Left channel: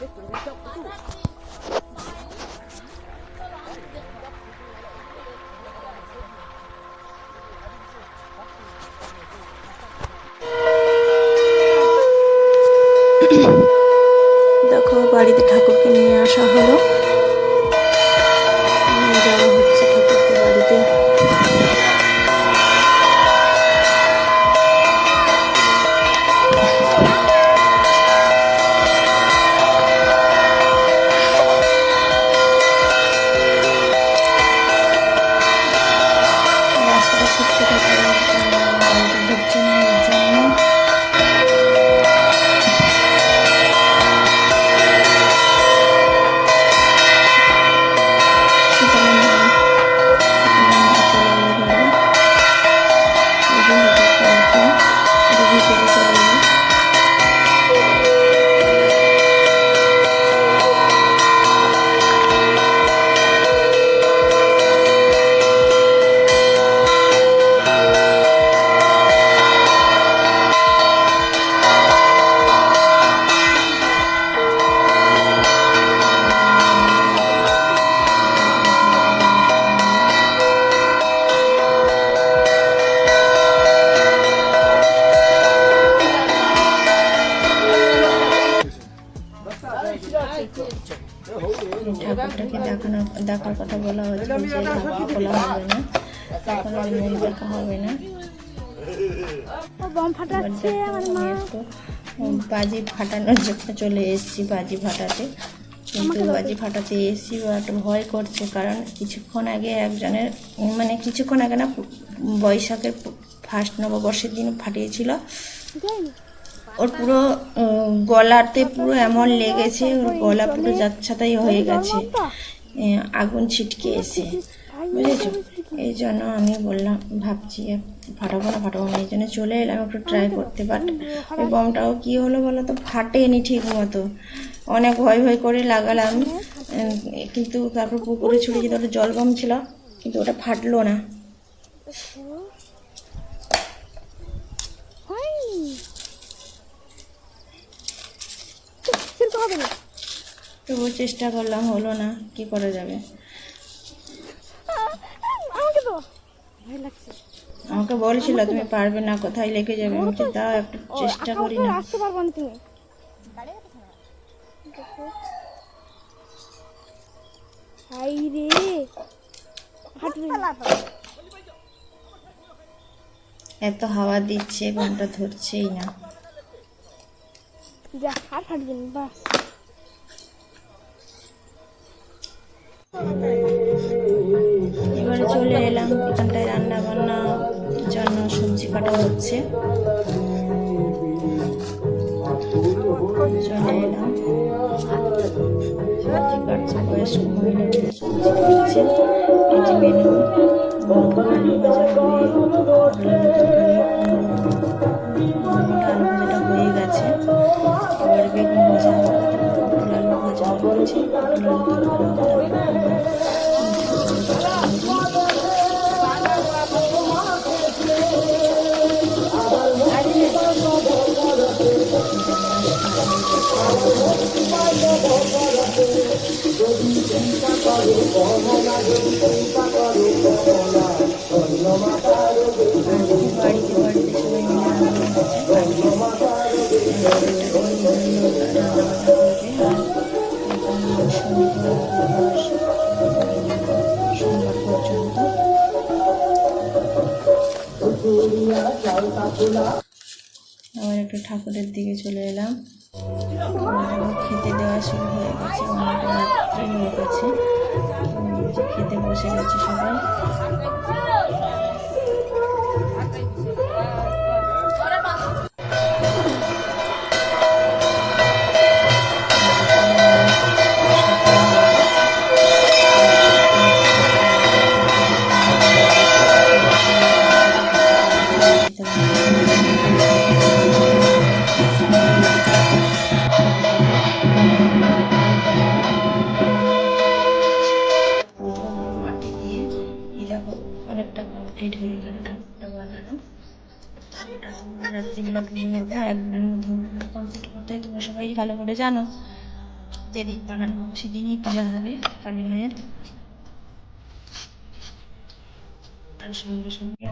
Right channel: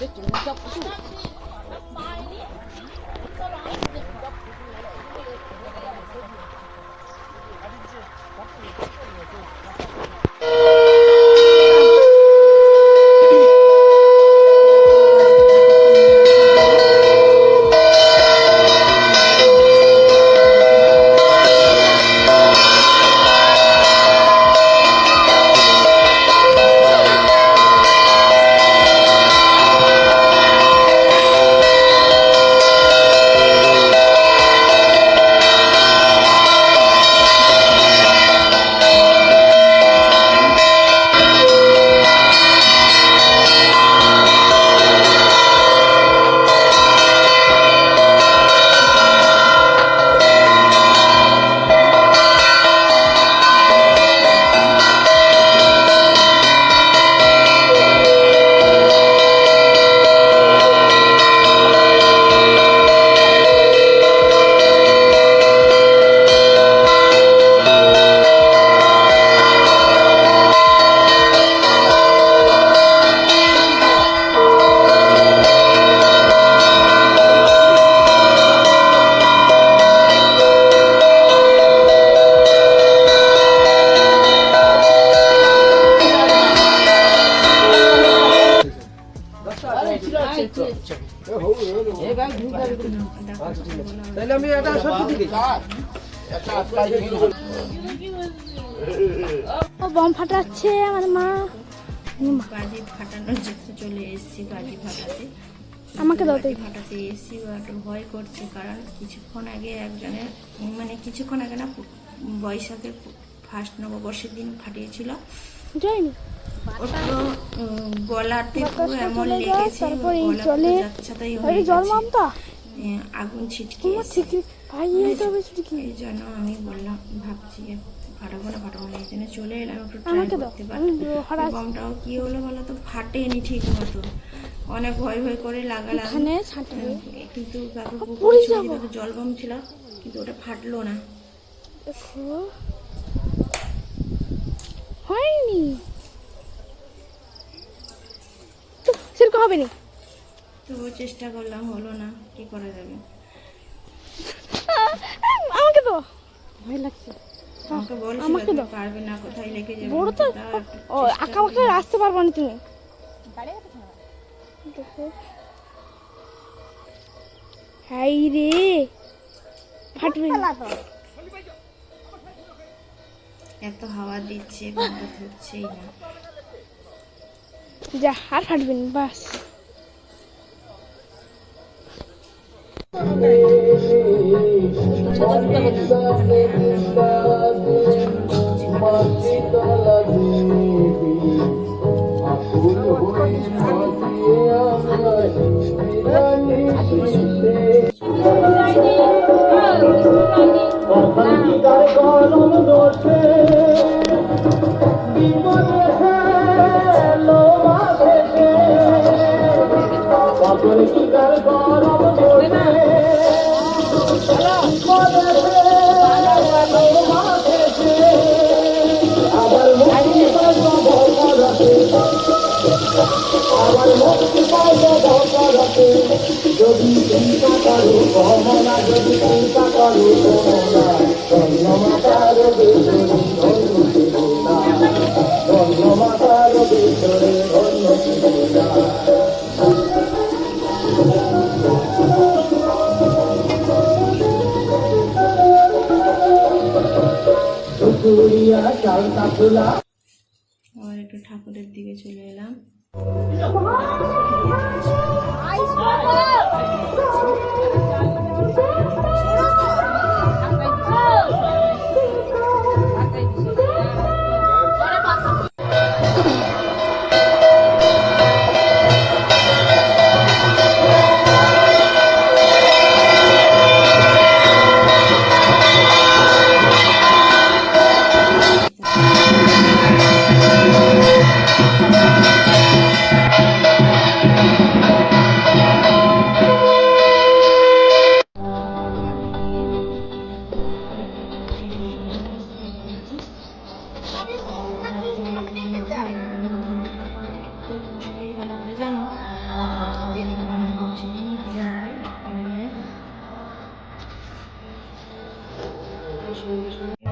দেখো বাড়িতে ঠাকুরকে নিয়ে আসা হলো। দেখার কথা বলা বম ফাটাচ্ছে আমার মা। বাজি ফাটানোর জন্য চলে এসেছি, বাজি ফাটাতে। আমাকে বাজি ফাটাতে এসেছি, ও একটা ভয় করছে, কারণ কিছুক্ষণ আগে একজনের কিছুক্ষণ আগে না বৈশাখের ফার্স্ট নববর্ষের দিন ফাটিয়েছিল। ওর পুরো গলাতে পুরো এমন লেগেছে, ওর গলা পুরো যাচ্ছাতাই হয়ে গেছে, আগুন ছিটকে এসে। এই জন্য আমি বললাম, ভাবছি ফাটাবো না, এই জন্য চলে এলাম একটু ট্রাই করতে। বাট বমটাও কি হলো বলো তো, ফাটেনি ঠিক মতো। অনেক ভয় করে লাগালাম, কিন্তু তারপর পুকুরে ছুঁড়ে যেতে ওটা জল বম ছিল, কিন্তু ওটা ফাটলো না। হয়নি, সেরকম হবে না। তবুও চেষ্টা করলাম, হলো না, কি করা যাবে। আমাকে তো ভয় লাগছে। আমাকে বলছিল তুমি পারবে না, কোথায় লেগে যাবে। তাও একটু চেষ্টা করি, আসতে পারবো না তুমি। হাই রে, ফাটবে না। এত হাওয়া দিচ্ছে, ঘন্টা ধরছেই না। যা, আর ফাটবে না, বাস। এবারে চলে এলাম ওখানটায়, রান্না বান্নার জন্য সবজি কাটা হচ্ছে। আবার একটু ঠাকুরের দিকে চলে এলাম, খেতে দেওয়া শুরু হয়ে গেছে। খেতে বসে গেছে সবাই। সেদিনই পূজা হবে কালী মায়ের। তার সঙ্গে সঙ্গে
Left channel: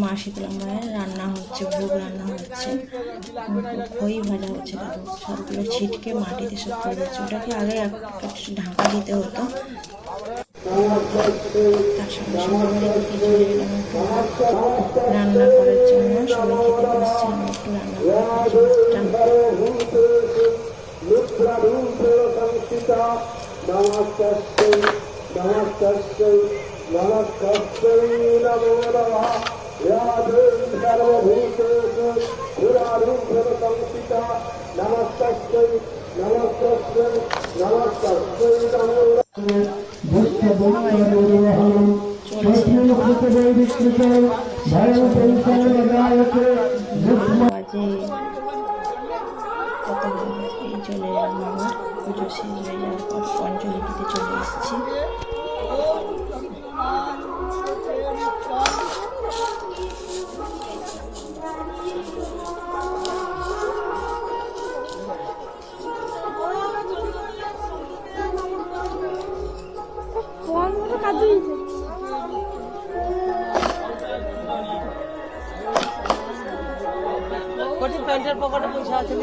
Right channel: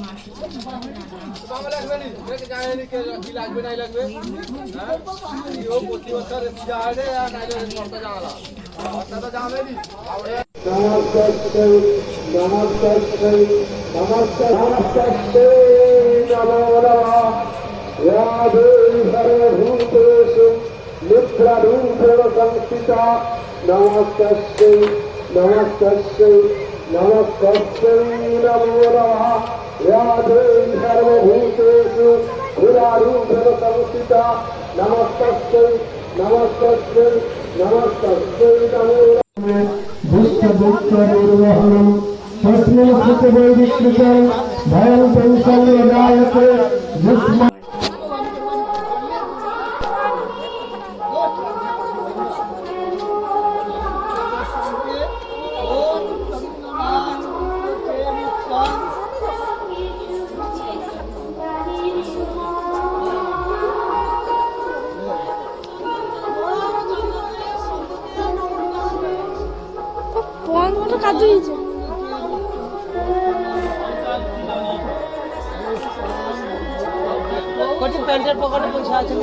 মা শীতলা মায়ের রান্না হচ্ছে, ভোগ রান্না হচ্ছে, ওই ভালো হচ্ছে, ছিটকে মাটিতে সব ওটাকে আগে ঢাকা দিতে হতো। রান্না করেছে नमस्ते नमो नमः या देवी सर्वभूतेषु पुरारूपेण संस्थिता नमस्ते नमस्ते नमस्ते नमो भूतभूतनिर्वहणं सत्यवैदिकृतं भयं संसर्गदायके কাজু হয়েছে প্যান্টের পকেটে পয়সা আছে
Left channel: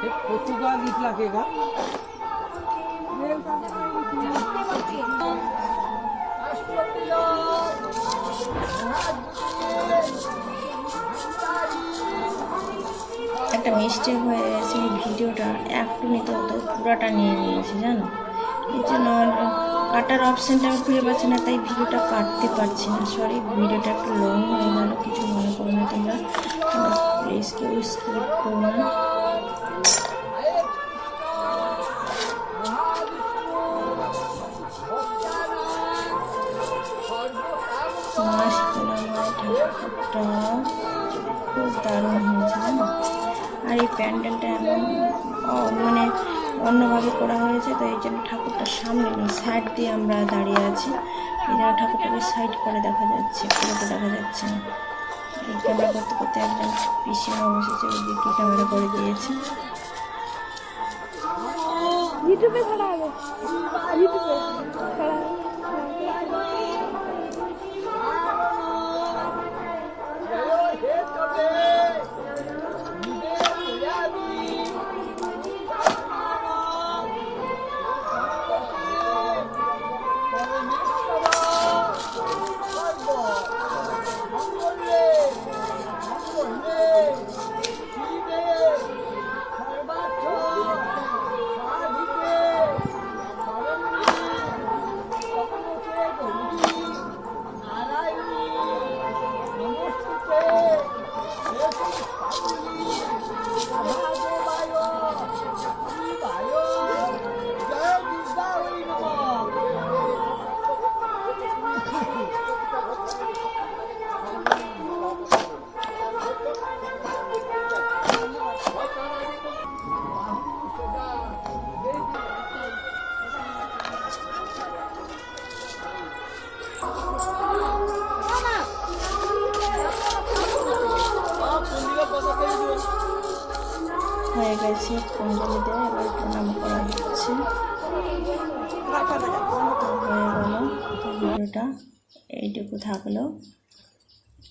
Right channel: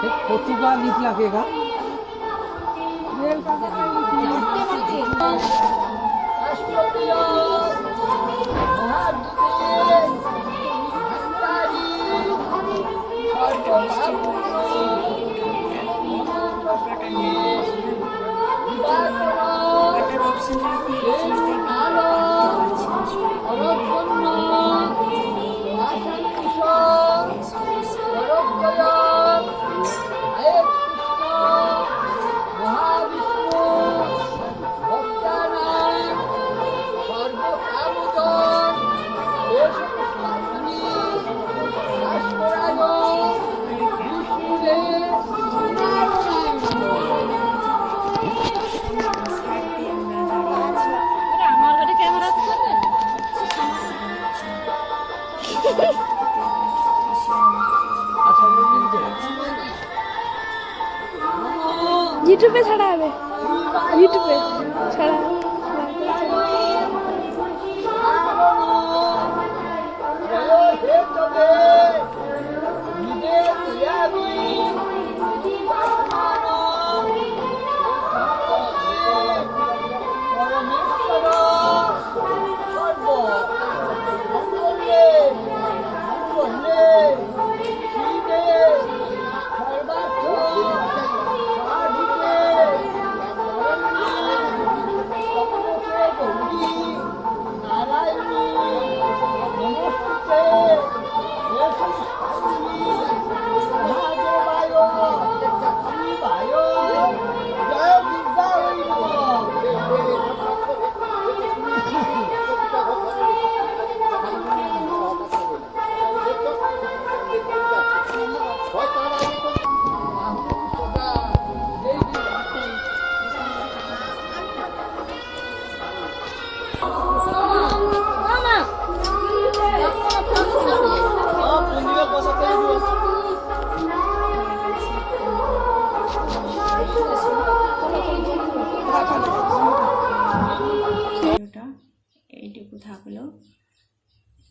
पोर्तुगाल लीफ लगेगा একটা মিস্টেক হয়ে গেছে, ভিডিওটা 1 মিনিটের মধ্যে পুরোটা নিয়ে নিয়েছি জানো, কিছু না কাটার অপশানটা আমি খুঁজে পাচ্ছি না, তাই ভিডিওটা কাটতে পারছি না। সরি, ভিডিওটা একটু লং হয়ে গেল, কিছু মনে করে নিতে না। আর এই প্যান্ডেলটা মানে অন্যভাবে করা হয়েছে, তাই জন্য ঠাকুরটার সামনে সাইড দিয়ে আমরা দাঁড়িয়ে আছি। ঠাকুরটাকে সাইড করে দেখা যাচ্ছে, পুরোটা দেখা যাচ্ছে না। এই ক্যামেরা করতে করতে একদম পিছিয়ে বসেছে, ওদিকটা ক্যামেরা করে দিয়েছি। ইউটিউবে ছাড়া হবে, ইউটিউবে ছাড়া হবে। হয়ে গেছে ভিডিওটা এইটুকু থাকলো।